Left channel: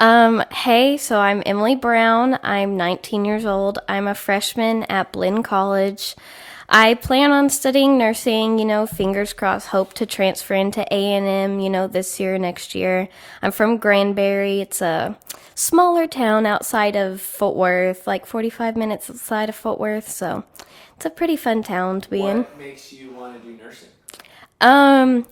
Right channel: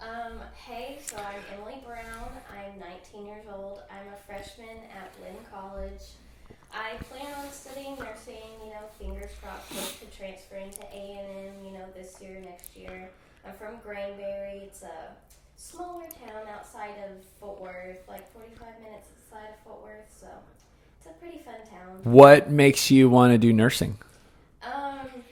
Hey, so I'm Emilee Brown. I'm 19 years old. I'm a freshman at Blinn College. I plan on studying nursing, fingers crossed, hope to transfer into A&M, this year, next year. I'm from Granbury. It's a smaller town outside of Fort Worth, like 45 minutes outside of Fort Worth, so it's a pretty fun town to be in. What makes you want to do nursing? Um,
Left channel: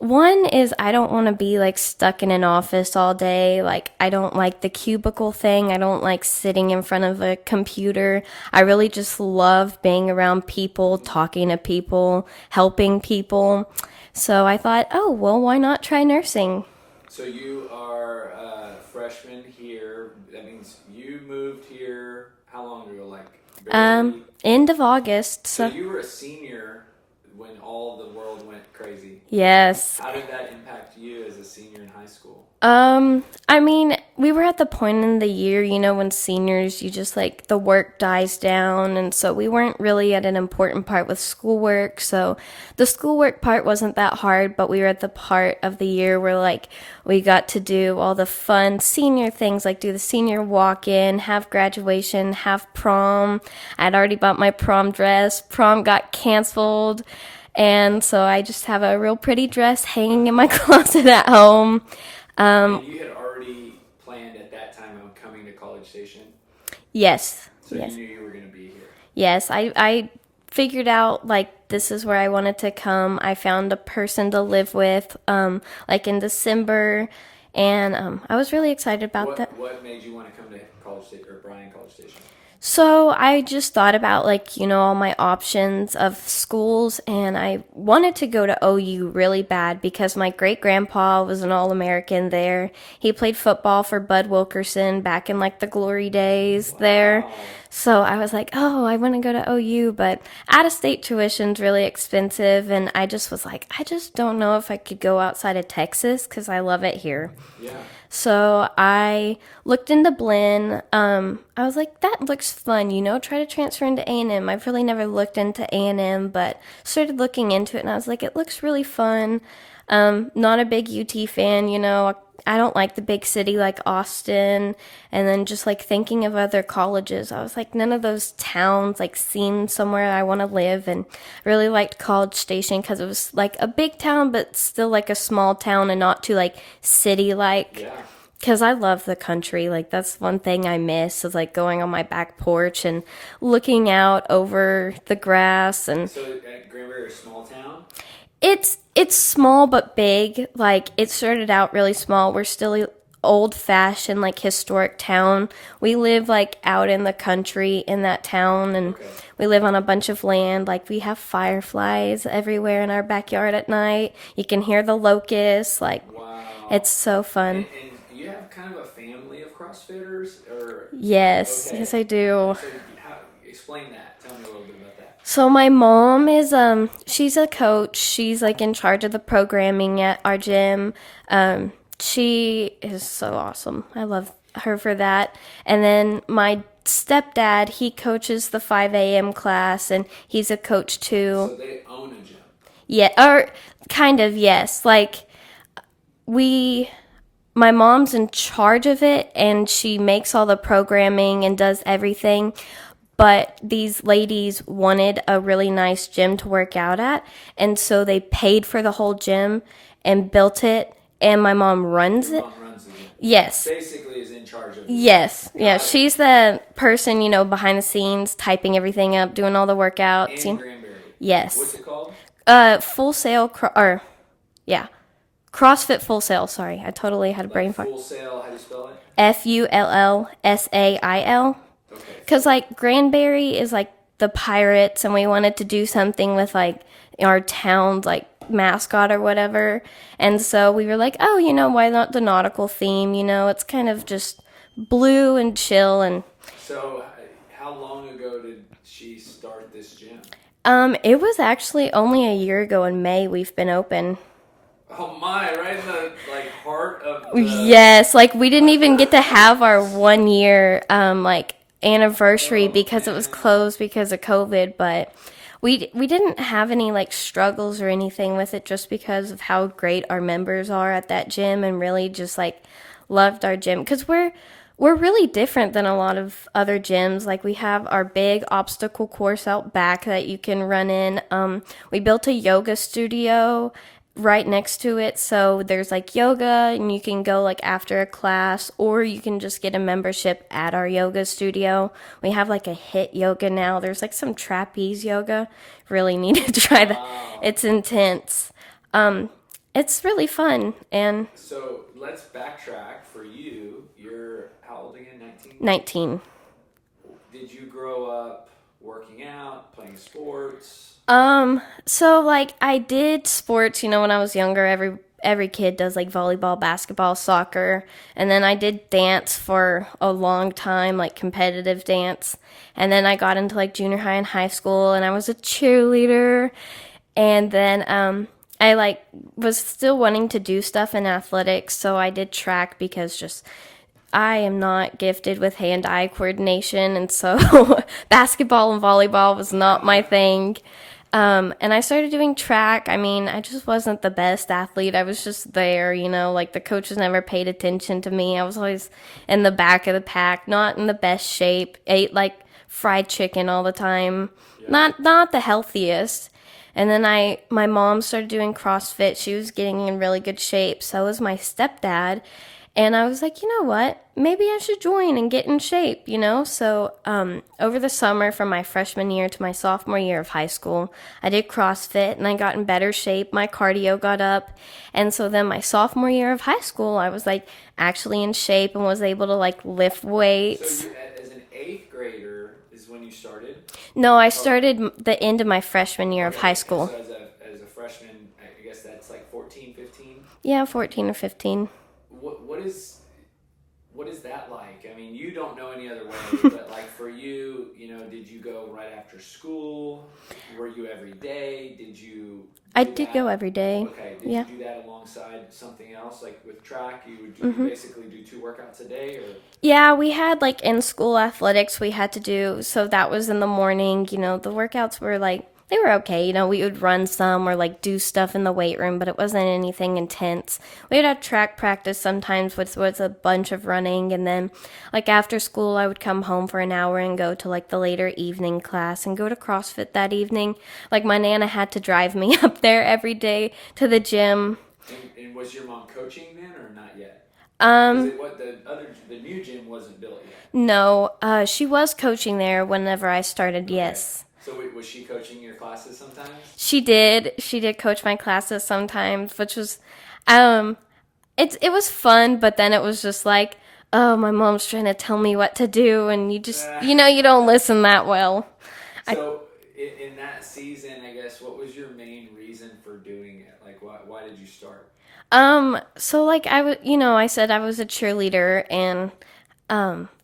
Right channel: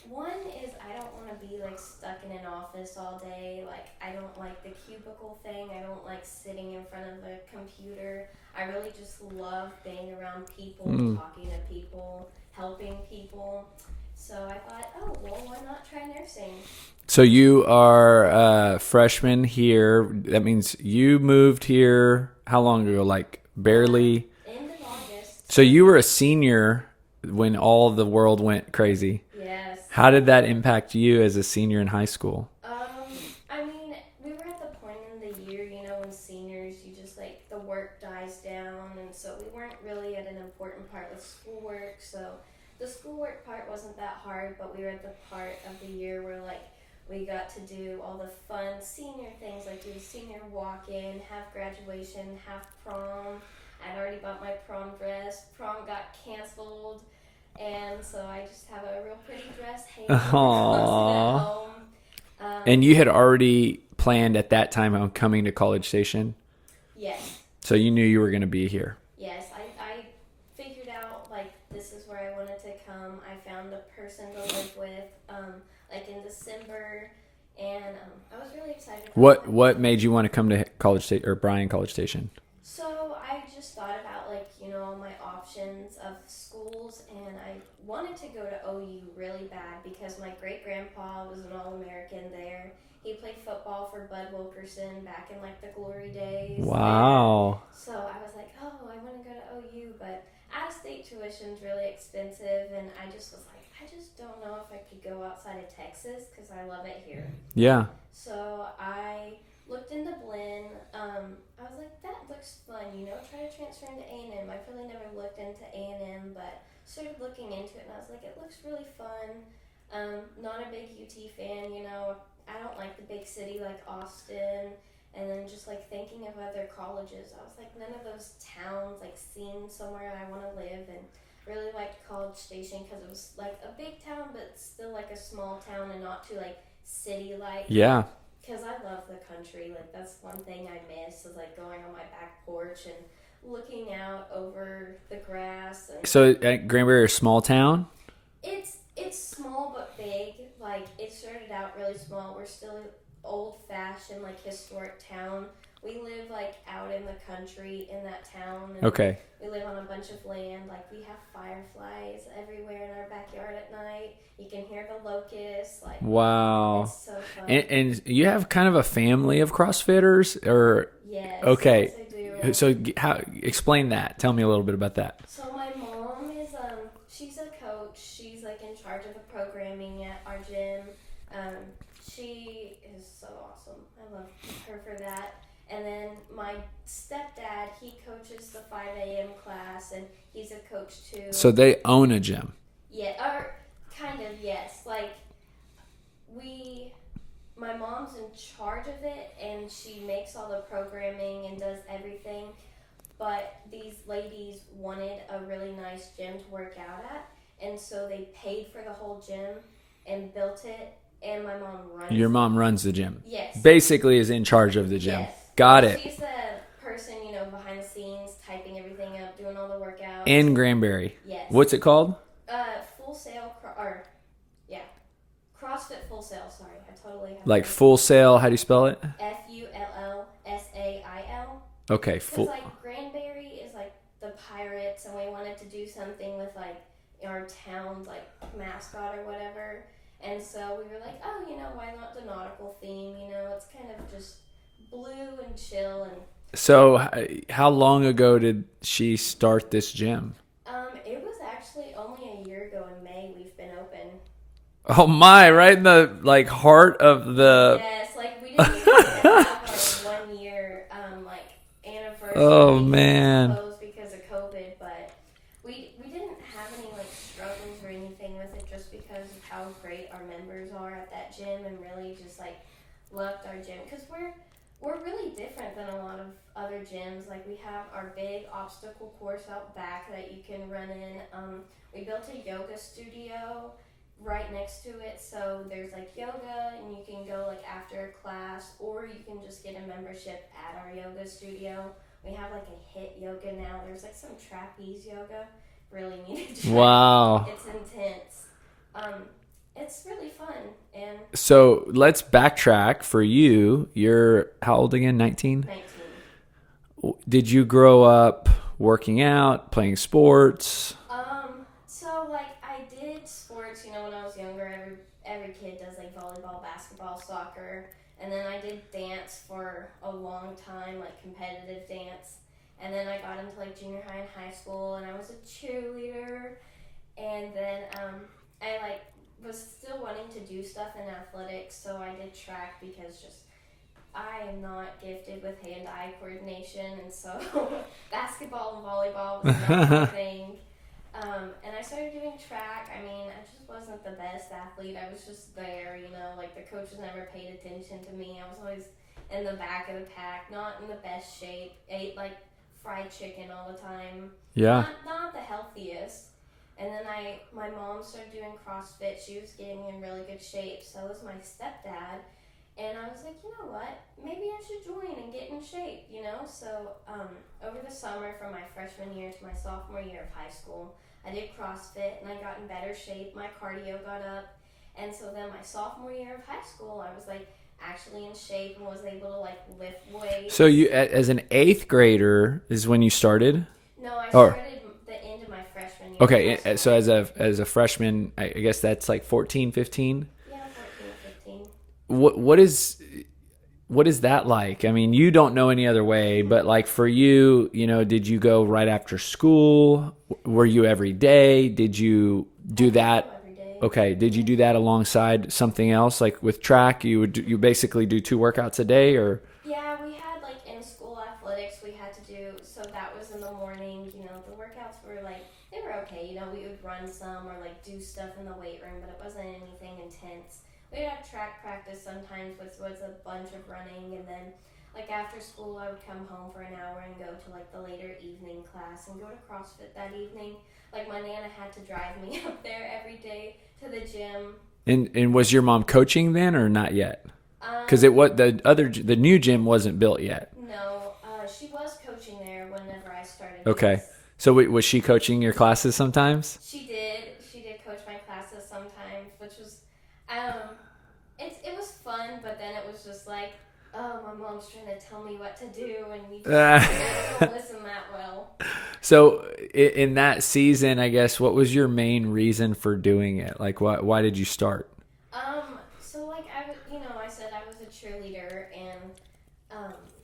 One is I don't want to be like stuck in an office all day. Like, I don't like the cubicle thing. I don't like sitting in front of a computer. I really just love being around people, talking to people, helping people. So I thought, oh, well, why not try nursing? So you are a freshman here. That means you moved here how long ago? Like barely. End of August. So you were a senior when all the world went crazy. Yes. How did that impact you as a senior in high school? I mean, we were at the point in the year, when seniors, you just like the work dies down. And so we weren't really at an important part with schoolwork. So the schoolwork part wasn't that hard, but we were at the part of the year where like we got to do all the fun senior things, like do the senior walk in, have graduation, have prom. I'd already bought my prom dress. Prom got canceled. And so I just have a real pretty dress hanging in my closet at home. And you had already planned at that time on coming to College Station. Yes. So you knew you were going to be here. Yes, I figured out like this is where I wanted to come. I found a person to live with like in December, and I was really excited about that. What made you want to come to College Station or Bryan College Station? So I just thought about like, all my options of schools, and I wanted to go to OU really bad because my great grandpa was an All-American there. He played football for Bud Wilkerson back in like the glory days there. Wow. So I was like, oh, I want to go to OU, but out of state tuition's really expensive, and I just was like, I just don't know if I could go outside of Texas because I love it here. Yeah. So I looked into Blinn. I was like, that looks fun, try to transfer into A&M. I've really never looked into A&M, but started looking into it, and I was like, it looks really fun. Not a big UT fan, I don't like the big city like Austin. And then just like thinking of other colleges, I was like, none of those towns like seem somewhere I want to live. And really liked College Station because it was like a big town, but still like a small town and not too like city like. Yeah. Because I love the country. Like, that's one thing I miss is like going on my back porch and looking out over the grass. And So at Granbury, a small town? it's small but big. Like, it started out really small. We're still old fashioned, like historic town. We live like out in the country in that town, and Okay. we live on a bunch of land. Like, we have fireflies everywhere in our backyard at night. You can hear the locusts. Like, Wow. it's so fun. And you have kind of a family of CrossFitters, or Yes. okay. Yes, I do. So how explain that? Tell me a little bit about that. So my mom is she's a coach. She's like in charge of the programming at our gym. She is so awesome. I love her for that. And then my stepdad, he coaches the 5 a.m. class, and he's a coach too. So they own a gym. Yeah, or kind of, yes. Like, my mom's in charge of it, and she makes all the programming and does everything. But these ladies wanted a really nice gym to work out at, and so they paid for the whole gym and built it, and my mom runs Your it. mom runs the gym. Yes. Basically is in charge of the gym. Yes. Got Yeah, it. she's the person, behind the scenes, typing everything up, doing all the workouts. In Granbury. Yes. What's it called? Full Sail, yeah. CrossFit Full Sail, sorry. I totally had a Like brain Full Sail. How do you spell it? FULLSAIL. Okay. Because, like, Granbury is, like, the Pirates, and we wanted to do something with, like, our town's, like, mascot or whatever. And so we were like, oh, why not the nautical theme? It's kind of just blue and chill. And So how long ago did she start this gym? it was actually only a year ago in May we've been open. Oh my, right in the like heart of the Yes, like, we didn't even get to have our 1 year, like, anniversary Oh, because it was man. closed because of COVID, but we didn't have any like struggles or anything with it just because of how great our members are at that gym, and really just like loved our gym because we're really different than a lot of other gyms. Like we have our big obstacle course out back that you can run in. We built a yoga studio right next to it, so there's like yoga and you can go like after a class, or you can just get a membership at our yoga studio. We have like a HIIT yoga now. There's like some trapeze yoga. Really need to try Wow. It's intense. It's really fun. And So let's backtrack for you. You're how old again? 19? 19. Did you grow up working out, playing sports? So like I did sports, when I was younger. Every kid does like volleyball, basketball, soccer, and then I did dance for a long time, like competitive dance. And then I got into like junior high and high school, and I was a cheerleader. And then I like was still wanting to do stuff in athletics, so I did track because just I am not gifted with hand-eye coordination, and so basketball and volleyball was not my thing. And I started doing track. I mean, I just wasn't the best athlete. I was just there, like the coaches never paid attention to me. I was always in the back of the pack, not in the best shape. Ate like fried chicken all the time. Yeah. Not the healthiest. And then my mom started doing CrossFit. She was getting in really good shape. So was my stepdad. And I was like, you know what? Maybe I should join and get in shape, So over the summer from my freshman year to my sophomore year of high school, I did CrossFit and I got in better shape. My cardio got up. And so then my sophomore year of high school, I was like actually in shape and was able to like lift weights. So you, as an 8th grader, is when you started? No, I started the end of my freshman year of high school. So as a freshman, I guess that's like 14, 15? Yeah, 14 or 15. What is that like? I mean, you don't know any other way, but like for you, did you go right after school? Were you every day? Did you do that? I did go every day. Okay. Did you do that alongside something else? Like with track, you would you basically do 2 workouts a day, or? Yeah, we had like in school athletics we had to do, so that was in the morning. The workouts were like, they were okay. We would run some or like do stuff in the weight room, but it wasn't anything intense. We would have track practice sometimes, which was a bunch of running. And then like after school, I would come home for an hour and go to like the later evening class and go to CrossFit that evening. Like my Nana had to drive me up there every day to the gym. And was your mom coaching then or not yet? Because the new gym wasn't built yet. No, she was coaching there whenever I started. Okay. Yes. So was she coaching your classes sometimes? She did. She did coach my classes sometimes, which was, it was fun. But then it was just like, oh, my mom's trying to tell me what to do, and you just, you don't listen that well. So in that season, I guess, what was your main reason for doing it? Like, why did you start? So like I was, I said I was a cheerleader, and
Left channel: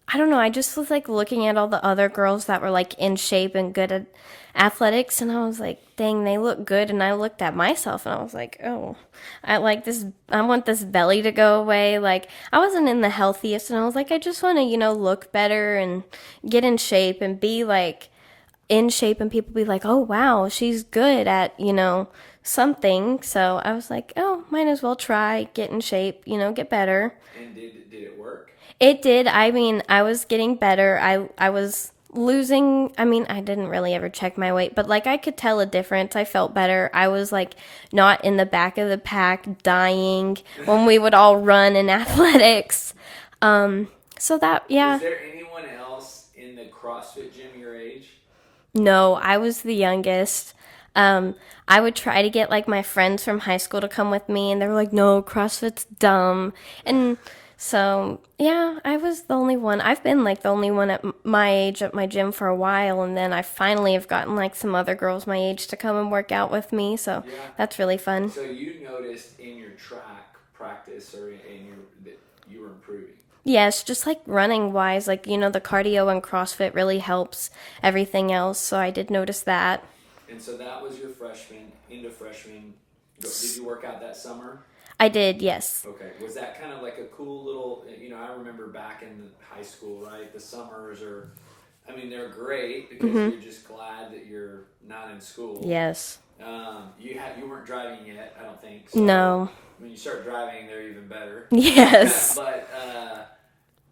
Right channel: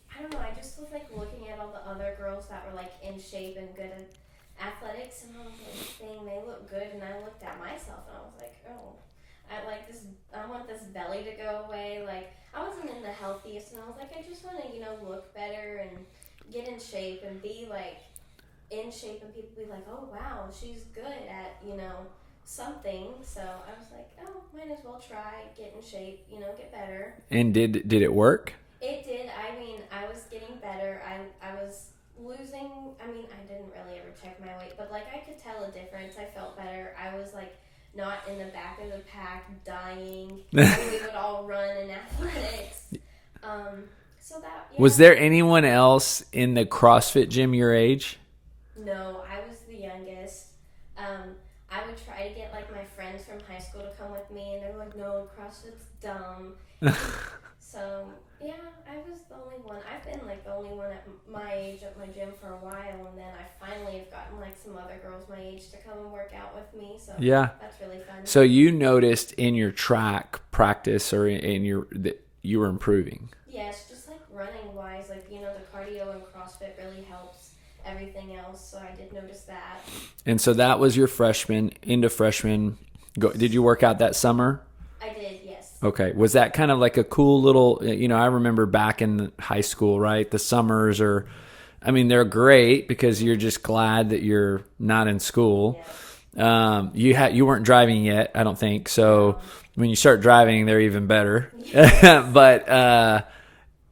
I don't know, I just was like looking at all the other girls that were like in shape and good at athletics, and I was like, dang, they look good. And I looked at myself and I was like, oh, I want this belly to go away. Like I wasn't in the healthiest, and I was like, I just want to, look better and get in shape and be like in shape, and people be like, oh wow, she's good at, something. So I was like, oh, might as well try, get in shape, get better. And did it work? It did. I mean, I was getting better. I was losing. I mean, I didn't really ever check my weight, but like I could tell a difference. I felt better. I was like not in the back of the pack dying when we would all run in athletics. So that, yeah. Was there anyone else in the CrossFit gym your age? No, I was the youngest. I would try to get like my friends from high school to come with me, and they were like, no, CrossFit's dumb. And so, yeah, I was the only one. I've been like the only one at my age at my gym for a while, and then I finally have gotten like some other girls my age to come and work out with me. So yeah, that's really fun. So you noticed in your track practice or in your that you were improving? Yes, just like running wise, like, the cardio and CrossFit really helps everything else. So I did notice that. And so that was your freshman, into freshman. Did you work out that summer? I did, yes. Okay. Was that kind of like a cool little, I remember back in high school, right? The summers they're great because you're just glad that you're not in school. Yes. You weren't driving yet, I don't think. So No. when you start driving, they're even better. Yes. But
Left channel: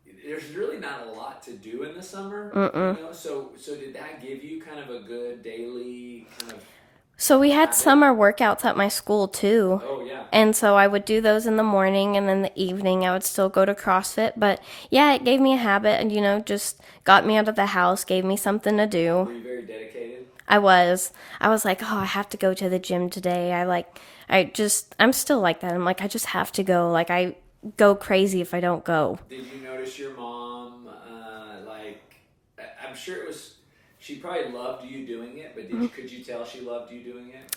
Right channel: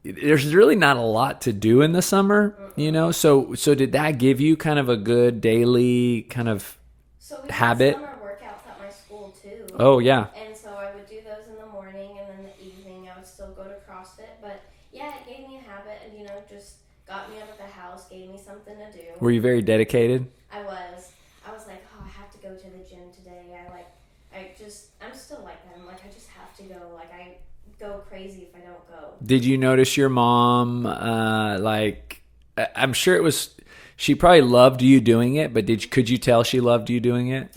there's really not a lot to do in the summer, So did that give you kind of a good daily kind of So we had habit? summer workouts at my school too. Oh yeah. And so I would do those in the morning, and then the evening I would still go to CrossFit. But yeah, it gave me a habit and, just got me out of the house, gave me something to do. Were you very dedicated? I was like, oh, I have to go to the gym today. I'm still like that. I'm like, I just have to go. Like, I go crazy if I don't go. Did you notice your mom, I'm sure she probably loved you doing it, but could you tell she loved you doing it?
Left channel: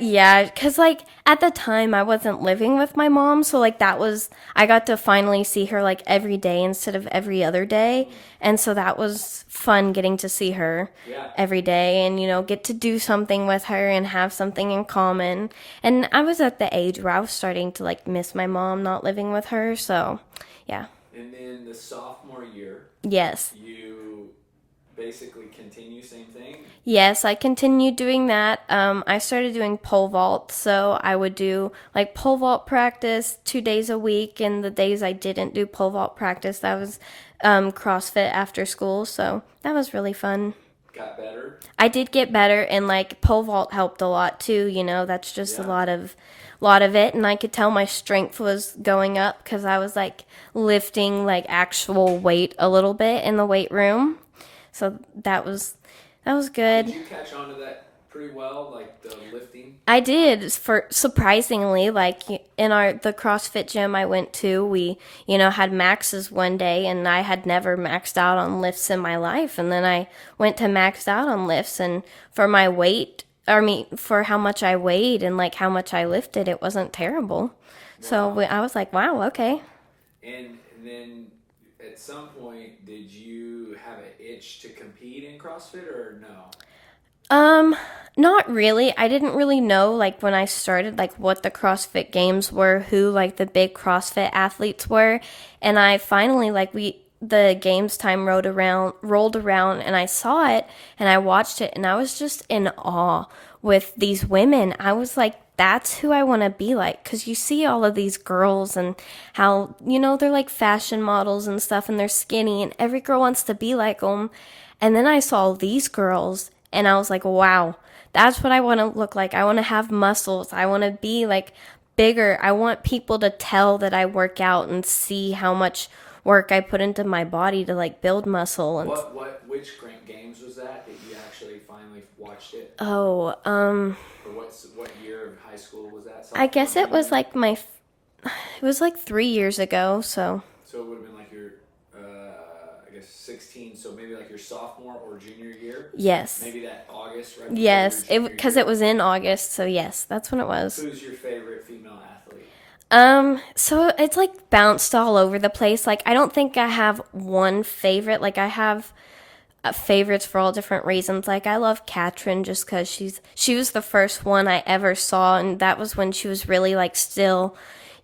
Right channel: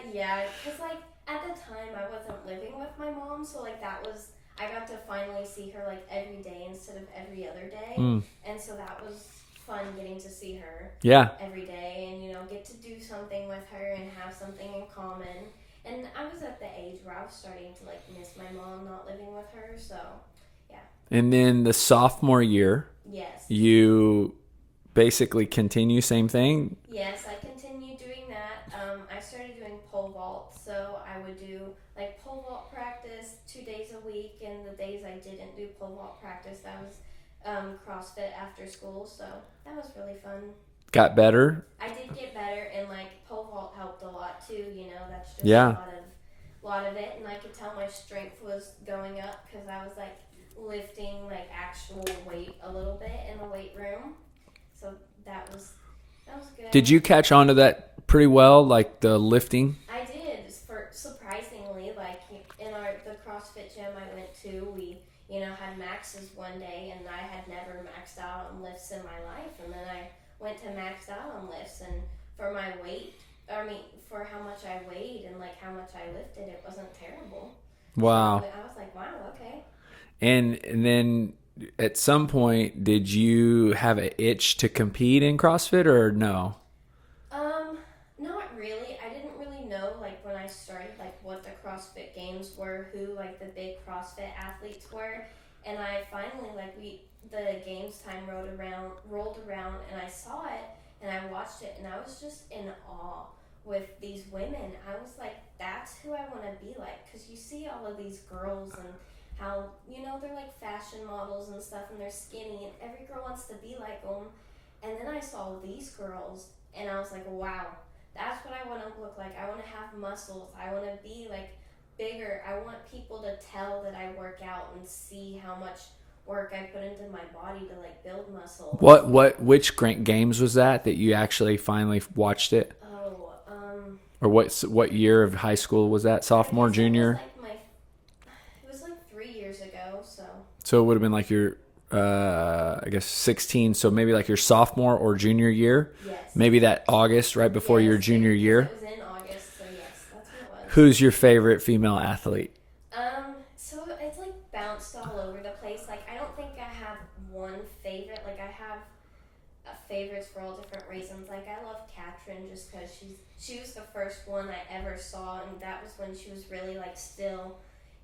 Yeah, because, at the time, I wasn't living with my mom, so, I got to finally see her, every day instead of every other day, and so that was fun getting to see her every day and, get to do something with her and have something in common, and I was at the age where I was starting to, miss my mom not living with her, so, yeah. And then the sophomore year, Yes. you basically continue same thing? Yes, I continued doing that. I started doing pole vault, so I would do pole vault practice 2 days a week, and the days I didn't do pole vault practice, that was CrossFit after school, so that was really fun. Got better? I did get better, and pole vault helped a lot too, that's just a lot of it, and I could tell my strength was going up because I was lifting actual weight a little bit in the weight room. So that was good. Did you catch on to that pretty well, the lifting? I did, for surprisingly, in the CrossFit gym I went to, we, had maxes one day, and I had never maxed out on lifts in my life, and then I went to max out on lifts, and for my weight, for how much I weighed and how much I lifted, it wasn't terrible. Wow. So I was like, wow, okay. And then at some point, did you have an itch to compete in CrossFit or no? Not really. I didn't really know, when I started, what the CrossFit Games were, who, the big CrossFit athletes were. And I finally, the games time rolled around, and I saw it, and I watched it, and I was just in awe with these women. I was like, that's who I want to be like, because you see all of these girls and how, they're fashion models and stuff, and they're skinny, and every girl wants to be like them. And then I saw these girls, and I was like, wow, that's what I want to look like. I want to have muscles. I want to be bigger. I want people to tell that I work out and see how much work I put into my body to build muscle. Which games was that you actually finally watched it? Oh, or what year of high school was that? Sophomore, I guess junior? it was it was 3 years ago. So it would have been your I guess 16. So maybe your sophomore or junior year. Yes. Maybe that August right before your junior year. Because it was in August. So yes, that's when it was. Who's your favorite female athlete? So it's bounced all over the place. I don't think I have one favorite. I have favorites for all different reasons. I love Katrin just because she was the first one I ever saw, and that was when she was really still,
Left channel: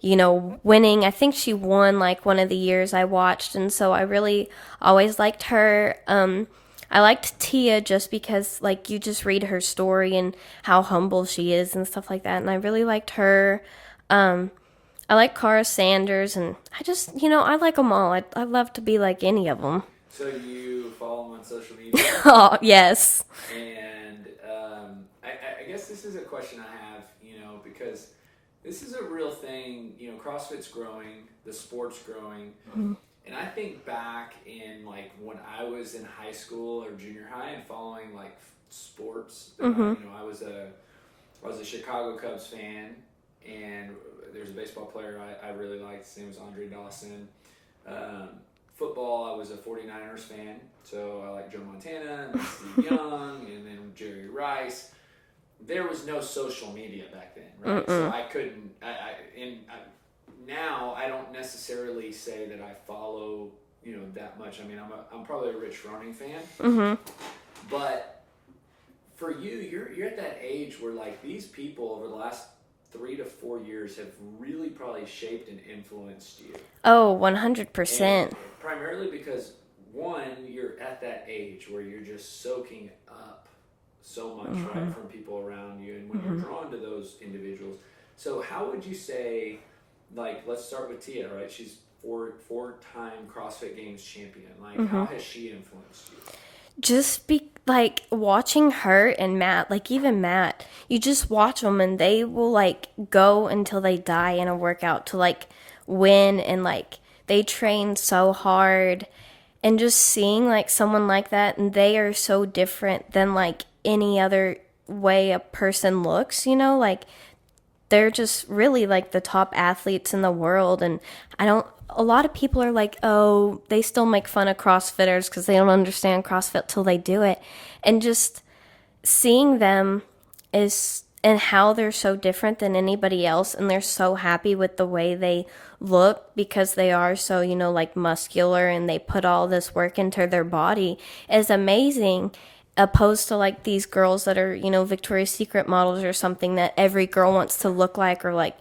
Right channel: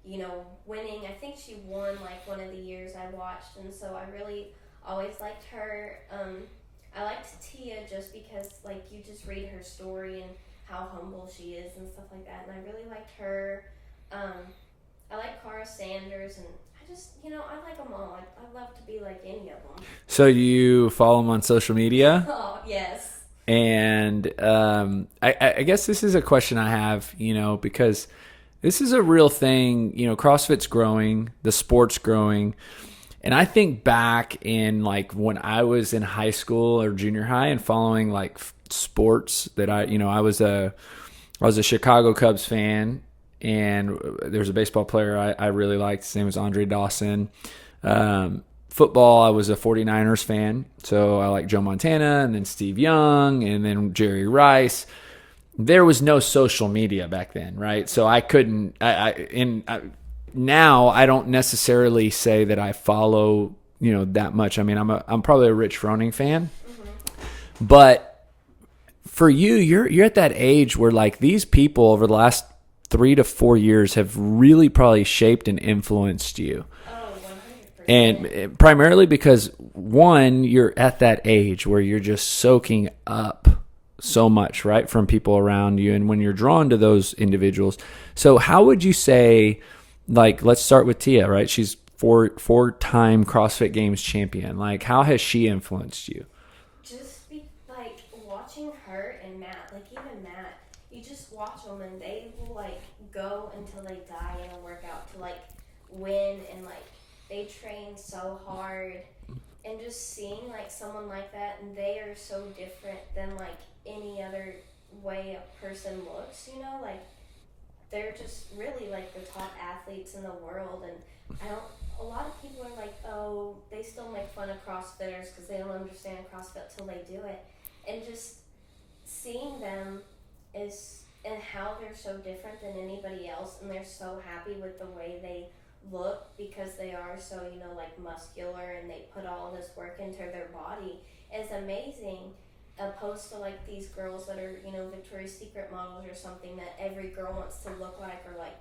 winning. I think she won one of the years I watched, and so I really always liked her. I liked Tia just because you just read her story and how humble she is and stuff like that, and I really liked her. I like Cara Sanders, and I just, I like them all. I love to be like any of them. So you follow them on social media? Oh, yes. And I guess this is a question I have, because this is a real thing. CrossFit's growing, the sport's growing. Mm-hmm. And I think back in when I was in high school or junior high and following sports that mm-hmm. I was a Chicago Cubs fan. And there's a baseball player I really liked. His name was Andre Dawson. Football, I was a 49ers fan. So I like Joe Montana and then Steve Young and then Jerry Rice. There was no social media back then, right? So I couldn't. Now I don't necessarily say that I follow that much. I mean, I'm probably a Rich Froning fan, but for you, you're at that age where these people over the last 3 to 4 years have really probably shaped and influenced you. Oh, 100%. And primarily because, one, you're at that age where you're just soaking up so much, right, from people around you, and when you're drawn to those individuals. So how would you say, like, let's start with Tia, right? She's four-time CrossFit Games champion. Like, how has she influenced you? Just be like watching her and Matt, like even Matt, you just watch them and they will like go until they die in a workout to like win, and like they train so hard, and just seeing like someone like that, and they are so different than like any other way a person looks, like they're just really like the top athletes in the world. And a lot of people are like, oh, they still make fun of CrossFitters because they don't understand CrossFit till they do it. And just seeing them and how they're so different than anybody else, and they're so happy with the way they look because they are so, like muscular, and they put all this work into their body is amazing, opposed to like these girls that are, Victoria's Secret models or something that every girl wants to look like, or like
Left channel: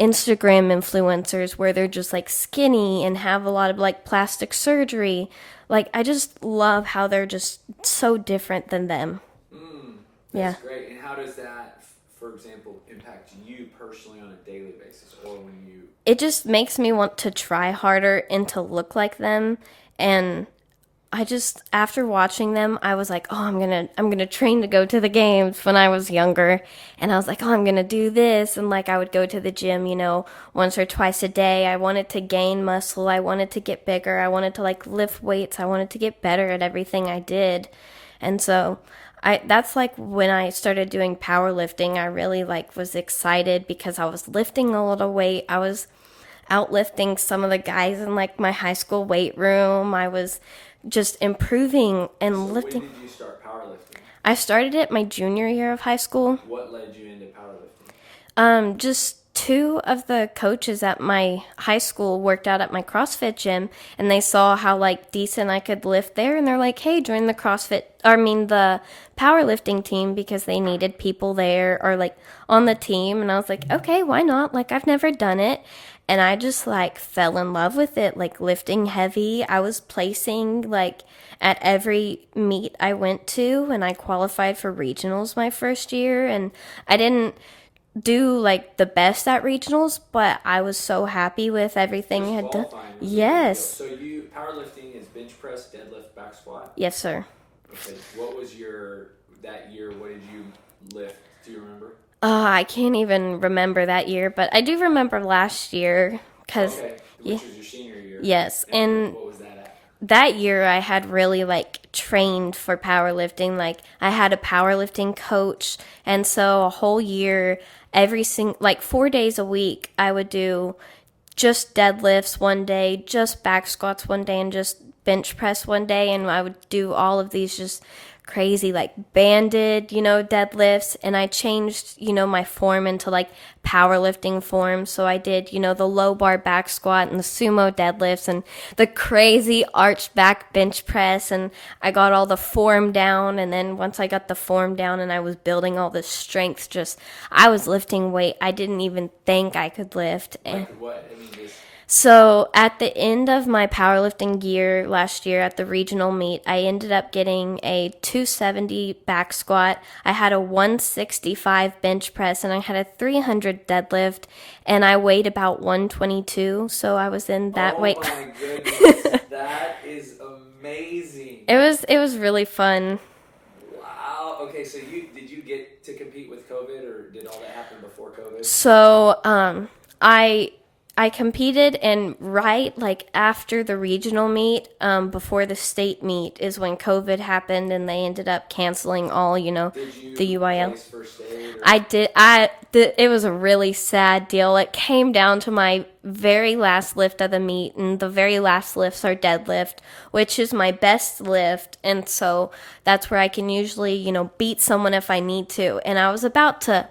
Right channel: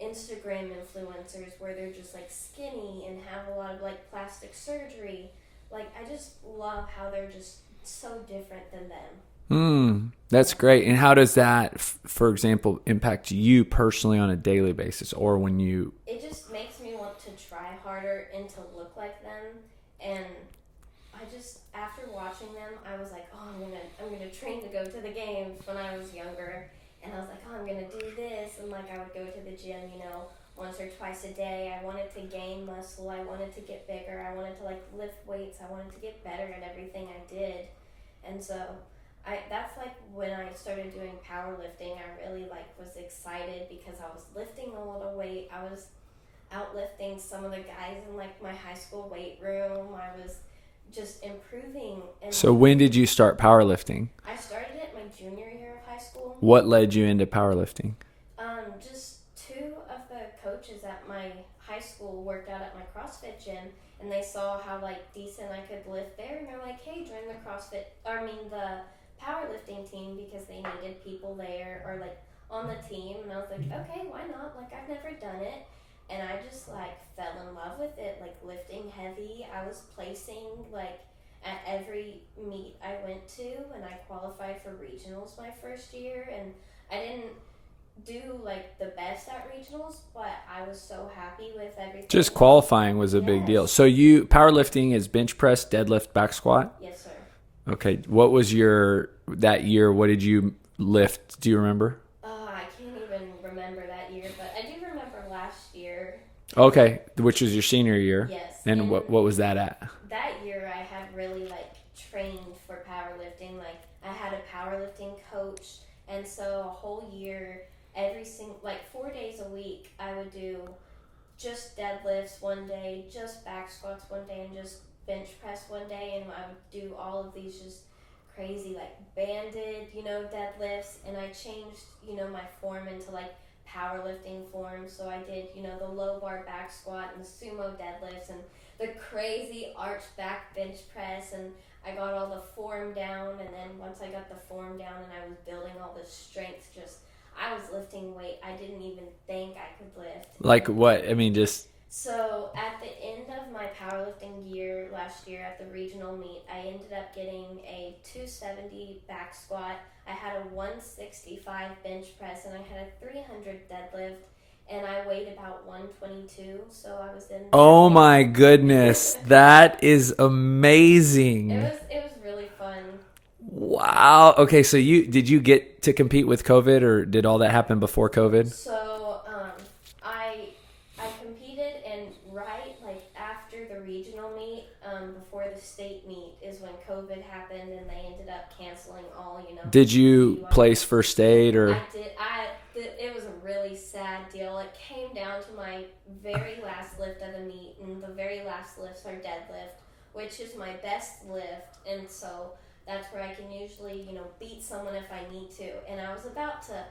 Instagram influencers where they're just like skinny and have a lot of like plastic surgery. Like, I just love how they're just so different than them. That's great. And how does that, for example, impact you personally on a daily basis, or when you... It just makes me want to try harder and to look like them. And I just, after watching them, I was like, oh, I'm gonna train to go to the games when I was younger. And I was like, oh, I'm gonna do this. And like, I would go to the gym, once or twice a day. I wanted to gain muscle. I wanted to get bigger. I wanted to like lift weights. I wanted to get better at everything I did. And so that's like when I started doing powerlifting, I really like was excited because I was lifting a little weight. I was outlifting some of the guys in like my high school weight room. I was just improving and So lifting. when did you start powerlifting? I started it my junior year of high school. What led you into powerlifting? Just two of the coaches at my high school worked out at my CrossFit gym, and they saw how like decent I could lift there, and they're like, hey, join the the powerlifting team, because they needed people there or like on the team. And I was like, okay, why not? Like, I've never done it. And I just like fell in love with it, like lifting heavy. I was placing like at every meet I went to, and I qualified for regionals my first year. And I didn't do like the best at regionals, but I was so happy with everything. Just qualifying was a big deal. So powerlifting is bench press, deadlift, back squat? Yes, sir. Okay. What was that year? What did you lift? Do you remember? I can't even remember that year, but I do remember last year. Okay, which was your senior year. Yes. And what was that at? That year I had really like trained for powerlifting. Like, I had a powerlifting coach, and so a whole year, like 4 days a week, I would do just deadlifts one day, just back squats one day, and just bench press one day. And I would do all of these just crazy like banded, deadlifts. And I changed, my form into like powerlifting form. So I did, the low bar back squat and the sumo deadlifts and the crazy arched back bench press. And I got all the form down. And then once I got the form down and I was building all this strength, I was lifting weight I didn't even think I could lift. Like what? I mean, just... So at the end of my powerlifting year last year at the regional meet, I ended up getting a 270 back squat. I had a 165 bench press, and I had a 300 deadlift, and I weighed about 122. So I was in that weight. Oh my goodness. That is amazing. It was really fun. Wow. Okay, so did you get to compete with COVID, or did all that happen before COVID? So I competed, and right like after the regional meet, before the state meet is when COVID happened, and they ended up canceling all, Did you place first state, or? I did. It was a really sad deal. It came down to my very last lift of the meet, and the very last lifts are deadlift, which is my best lift. And so that's where I can usually, beat someone if I need to. And I was about to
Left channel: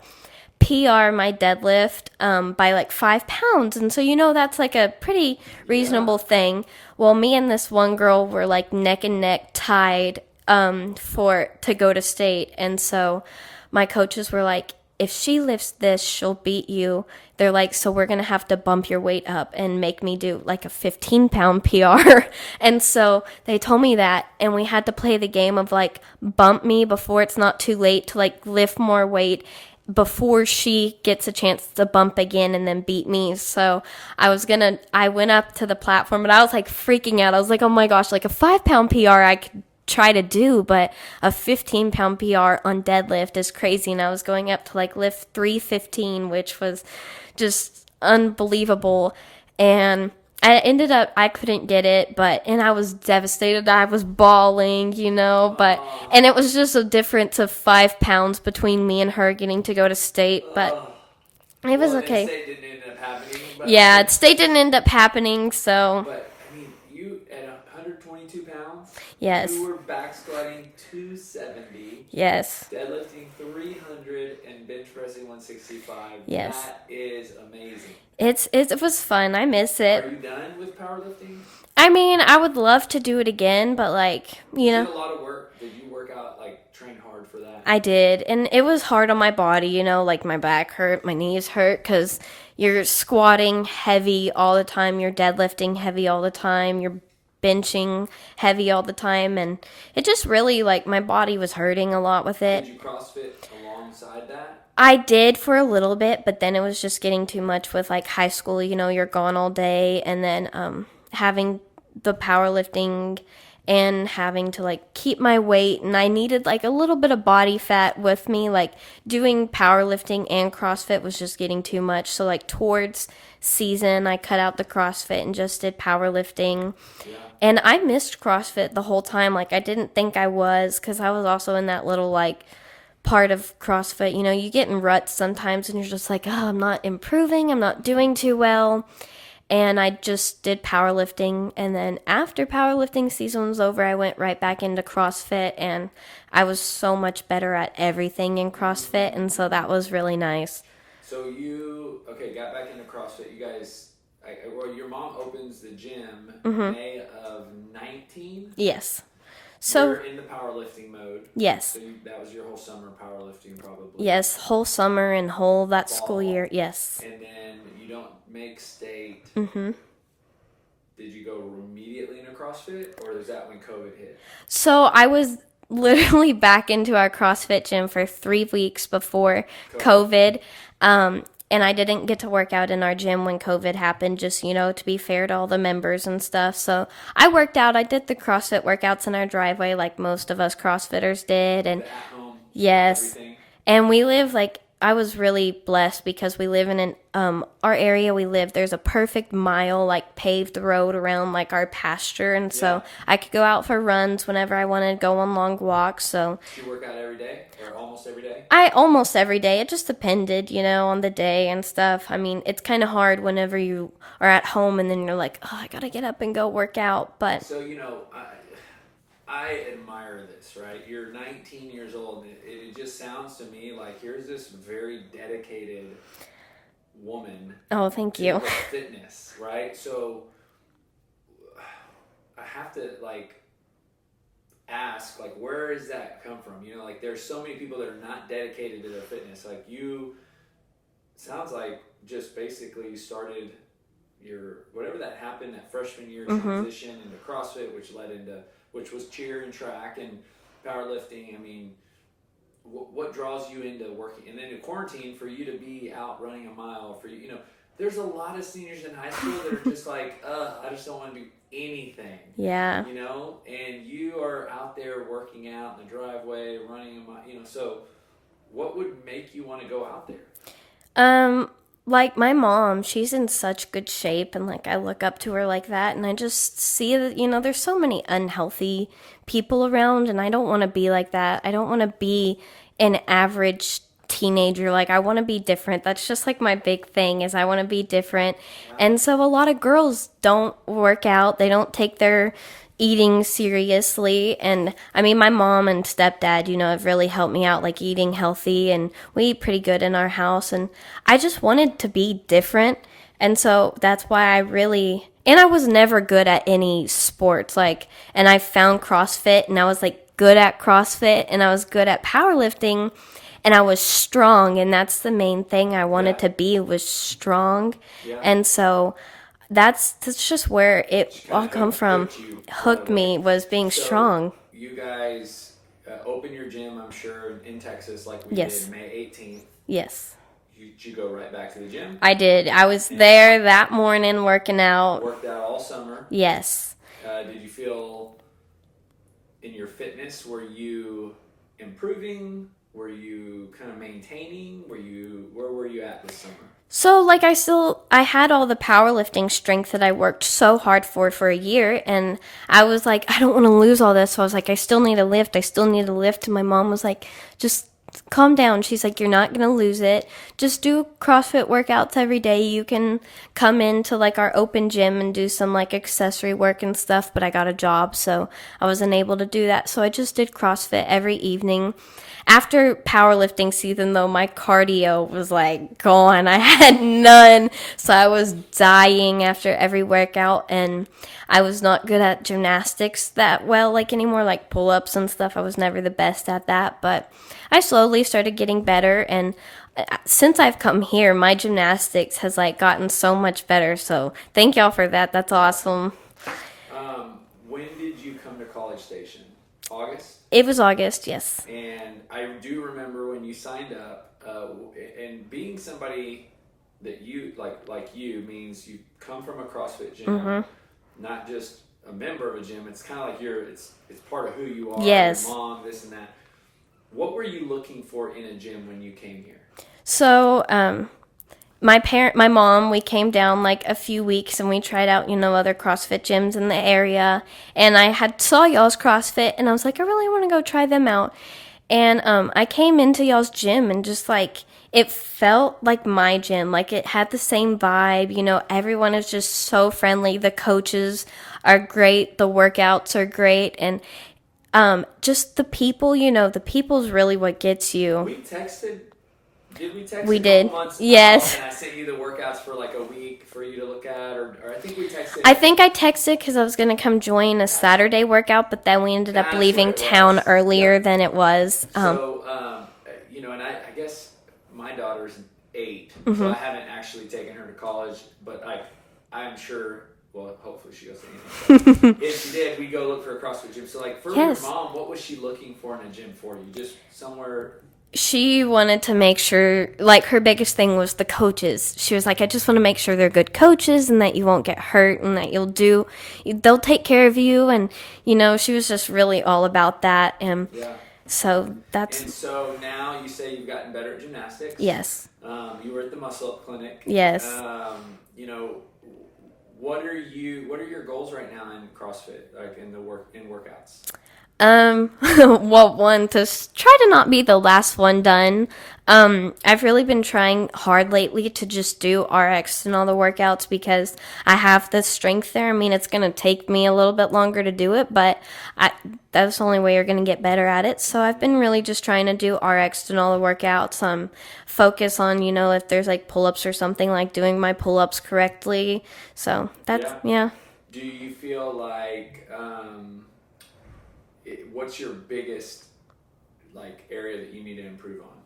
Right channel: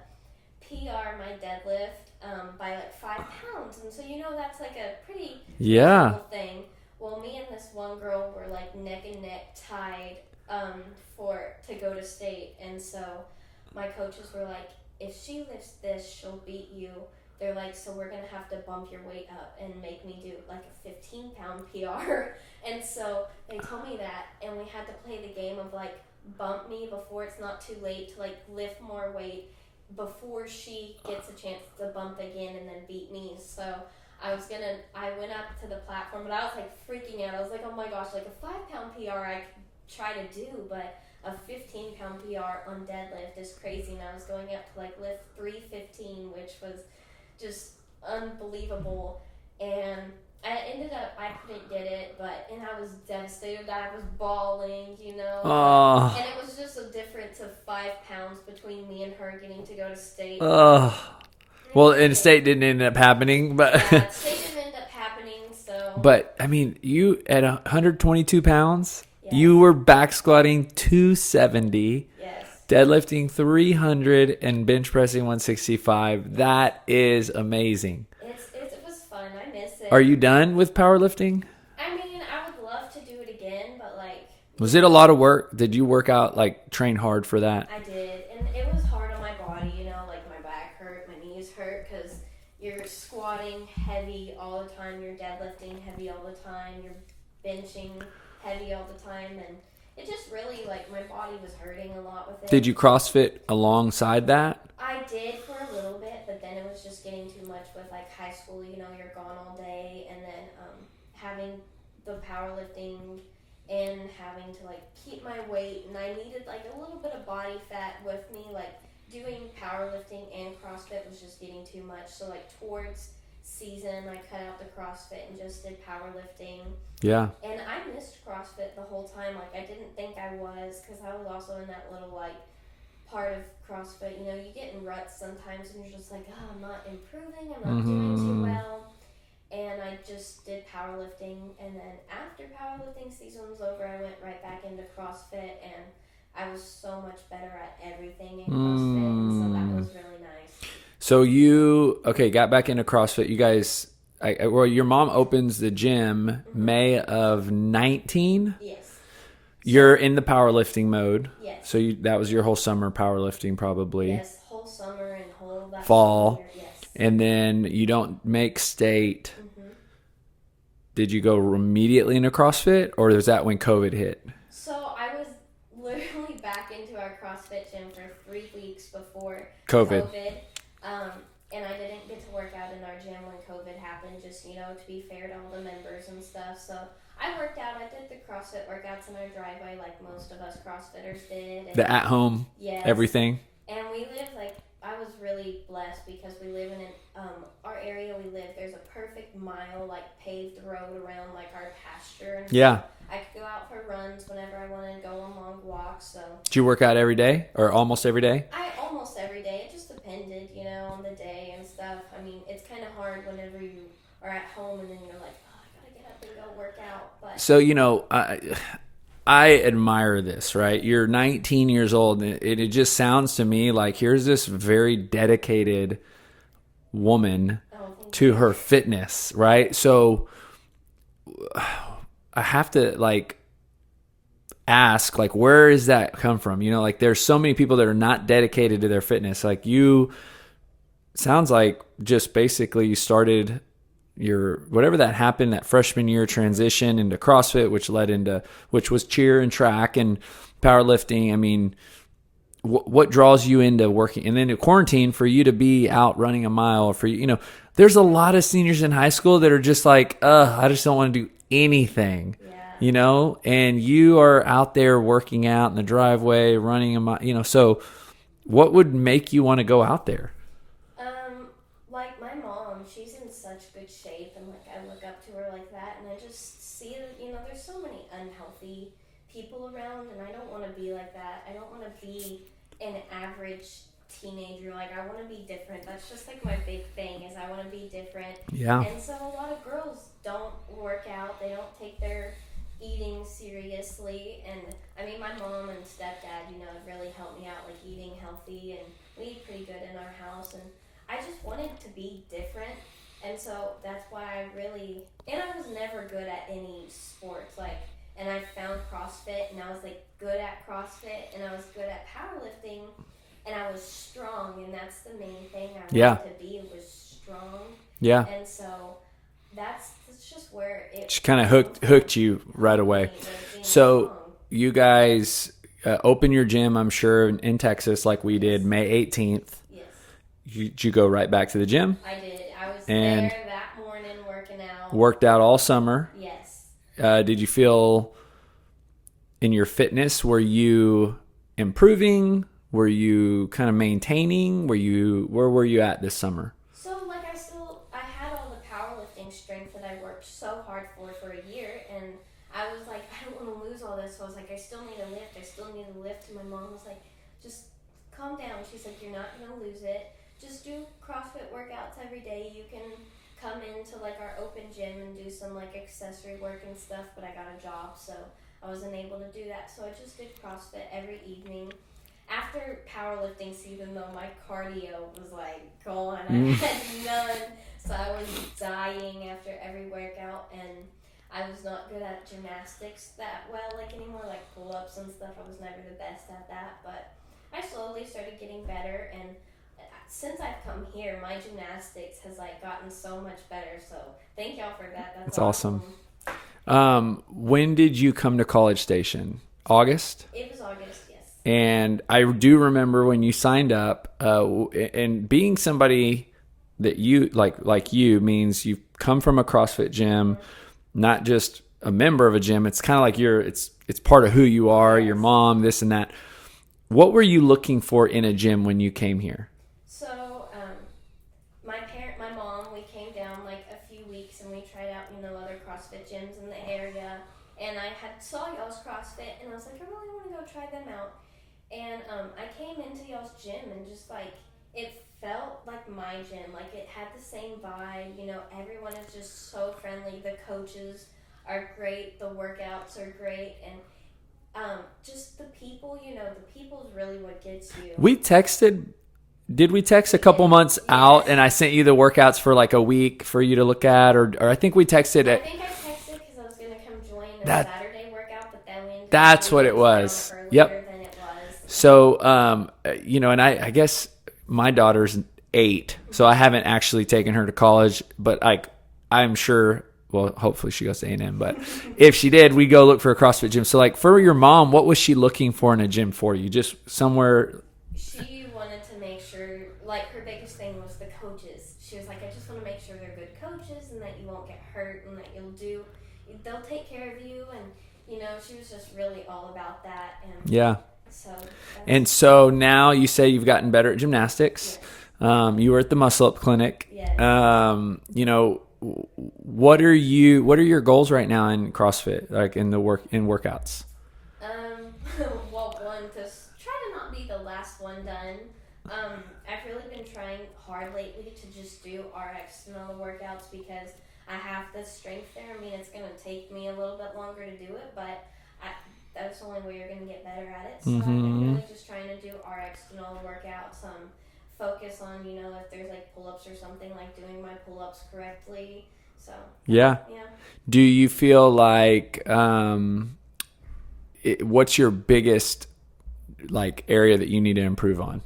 PR my deadlift by like 5 pounds, and so that's like a pretty reasonable thing. Well, me and this one girl were like neck and neck tied to go to state, and so my coaches were like, if she lifts this, she'll beat you. they're like, so we're going to have to bump your weight up and make me do like a 15-pound PR. And so they told me that, and we had to play the game of like bump me before it's not too late to like lift more weight before she gets a chance to bump again and then beat me. So I went up to the platform, and I was like freaking out. I was like, oh my gosh, like a 5-pound PR I could try to do, but a 15-pound PR on deadlift is crazy. And I was going up to like lift 315, which was just unbelievable. And I couldn't get it, and I was devastated. I was bawling, and it was just a difference of 5 pounds between me and her getting to go to state. But well, and state didn't end up happening, but yeah, state didn't end up happening. So, but I mean, you at 122 pounds, yes, you were back squatting 270, yes, deadlifting 300, and bench pressing 165. Yes. That is amazing. It was fun. I miss it. Are you done with powerlifting? I mean, I would love to do it again, but like, was it a lot of work? Did you work out, like train hard for that? I did, and it was hard on my body, like my back hurt, my knees hurt, because you're squatting heavy all the time, you're deadlifting heavy all the time, you're benching heavy all the time, and it just really, like, my body was hurting a lot with it. Did you CrossFit alongside that? I did for a little bit, but then it was just getting too much with, like, high school, you're gone all day, and then having the powerlifting and having to like keep my weight, and I needed like a little bit of body fat with me. Like doing powerlifting and CrossFit was just getting too much. So like towards season, I cut out the CrossFit and just did powerlifting. Yeah. And I missed CrossFit the whole time. Like I didn't think I was, because I was also in that little like part of CrossFit. You get in ruts sometimes and you're just like, oh, I'm not improving. I'm not doing too well. And I just did powerlifting, and then after powerlifting season was over, I went right back into CrossFit, and I was so much better at everything in CrossFit, and so that was really nice. So you, got back into CrossFit. You guys, your mom opens the gym May of 19? Yes. You're in the powerlifting mode. Yes. So that was your whole summer powerlifting probably. Yes, whole summer and whole that fall, school year. Yes. And then you don't make state. Mm-hmm. Did you go immediately into CrossFit, or was that when COVID hit? So I was literally back into our CrossFit gym for 3 weeks before COVID. And I didn't get to work out in our gym when COVID happened, just, to be fair to all the members and stuff. So I worked out. I did the CrossFit workouts in our driveway like most of us CrossFitters did. And the at-home, yes, everything. And we live I was really blessed because we live in our area we live, there's a perfect mile paved road around our pasture, and so I could go out for runs whenever I wanted to go on long walks. So did you work out every day or almost every day? Almost every day. It just depended, on the day and stuff. I mean, it's kind of hard whenever you are at home and then you're like, oh, I gotta get up and go work out. But so I admire this, right? You're 19 years old, and it just sounds to me like here's this very dedicated woman to her fitness, right? So I have to ask, where does that come from? There's so many people that are not dedicated to their fitness. Sounds like just basically you started your whatever that happened that freshman year transition into CrossFit, which was cheer and track and powerlifting. I mean, what draws you into working? And then in quarantine, for you to be out running a mile, for there's a lot of seniors in high school that are just I just don't want to do anything. Yeah. And you are out there working out in the driveway, running a mile. So what would make you want to go out there? My mom, she's in such good shape, and I look up to her like that, and I just see that, there's so many unhealthy people around, and I don't want to be like that. I don't want to be an average teenager. I want to be different. That's just my big thing is I want to be different. Yeah. And so a lot of girls don't work out. They don't take their eating seriously, and I mean my mom and stepdad have really helped me out eating healthy, and we eat pretty good in our house, and I just wanted to be different. And so that's why I was never good at any sports, and I found CrossFit, and I was good at CrossFit, and I was good at powerlifting. and I was strong, and that's the main thing I wanted Yeah. to be, was strong. Yeah. And so that's just where it She kind all come of from. hooked you right Hooked away. me was being So strong. you guys open your gym, I'm sure, in Texas like we Yes. did May 18th. Yes, Did you go right back to the gym? I did. I was And there that morning working out. Worked out all summer. Yes. Did you feel in your fitness, were you improving? Were you kind of maintaining? Where were you at this summer? So, like, I had all the powerlifting strength that I worked so hard for a year, and I was like, I don't want to lose all this. So I was like, I still need to lift. And my mom was like, just calm down. She's like, you're not going to lose it. Just do CrossFit workouts every day. You can come into, like, our open gym and do some, like, accessory work and stuff, but I got a job, so I wasn't able to do that. So I just did CrossFit every evening. After powerlifting season, though, my cardio was like gone. I had none. So I was dying after every workout, and I was not good at gymnastics that well, like anymore, like pull-ups and stuff. I was never the best at that, but I slowly started getting better. And since I've come here, my gymnastics has like gotten so much better. So thank y'all for that. That's awesome. When did you come to College Station? August? It was August, yes. And I do remember when you signed up, and being somebody that you like you means you come from a CrossFit gym, not just a member of a gym. It's kind of like it's part of who you are, Yes. your mom, this and that. What were you looking for in a gym when you came here? So, my mom, we came down like a few weeks and we tried out, other CrossFit gyms in the area. And I saw y'all's CrossFit and I was like, I really want to go try them out. And I came into y'all's gym and just like, it felt like my gym. Like it had the same vibe. Everyone is just so friendly. The coaches are great. The workouts are great. And just the people, the people's really what gets you. We texted. Did we text We a couple did. months Yes. out and I sent you the workouts for like a week for you to look at, or I think we texted. I think I texted because I was going to come join a Saturday workout, but then we ended up That's what leaving it was. town earlier Yep. than it was. So, and I guess my daughter's 8, so I haven't actually taken her to college, but I'm sure, well, hopefully she goes to A&M, but if she did, we go look for a CrossFit gym. So like for your Yes. mom, what was she looking for in a gym for you? Just somewhere. She wanted to make sure, like, her biggest thing was the coaches. She was like, I just want to make sure they're good coaches and that you won't get hurt and that they'll take care of you. And, she was just really all about that. And Yeah. so that's. And so now you say you've gotten better at gymnastics. Yes. You were at the Muscle Up Clinic. Yes. What are your goals right now in CrossFit, like in workouts? Well, one, to try to not be the last one done. I've really been trying hard lately to just do RX and all the workouts because I have the strength there. I mean, it's going to take me a little bit longer to do it, but that's the only way you're going to get better at it. So I've been really just trying to do RX and all the workouts. Focus on, if there's like pull-ups or something, like doing my pull-ups correctly. So that's, yeah. Do you feel like, what's your biggest like area that you need to improve on?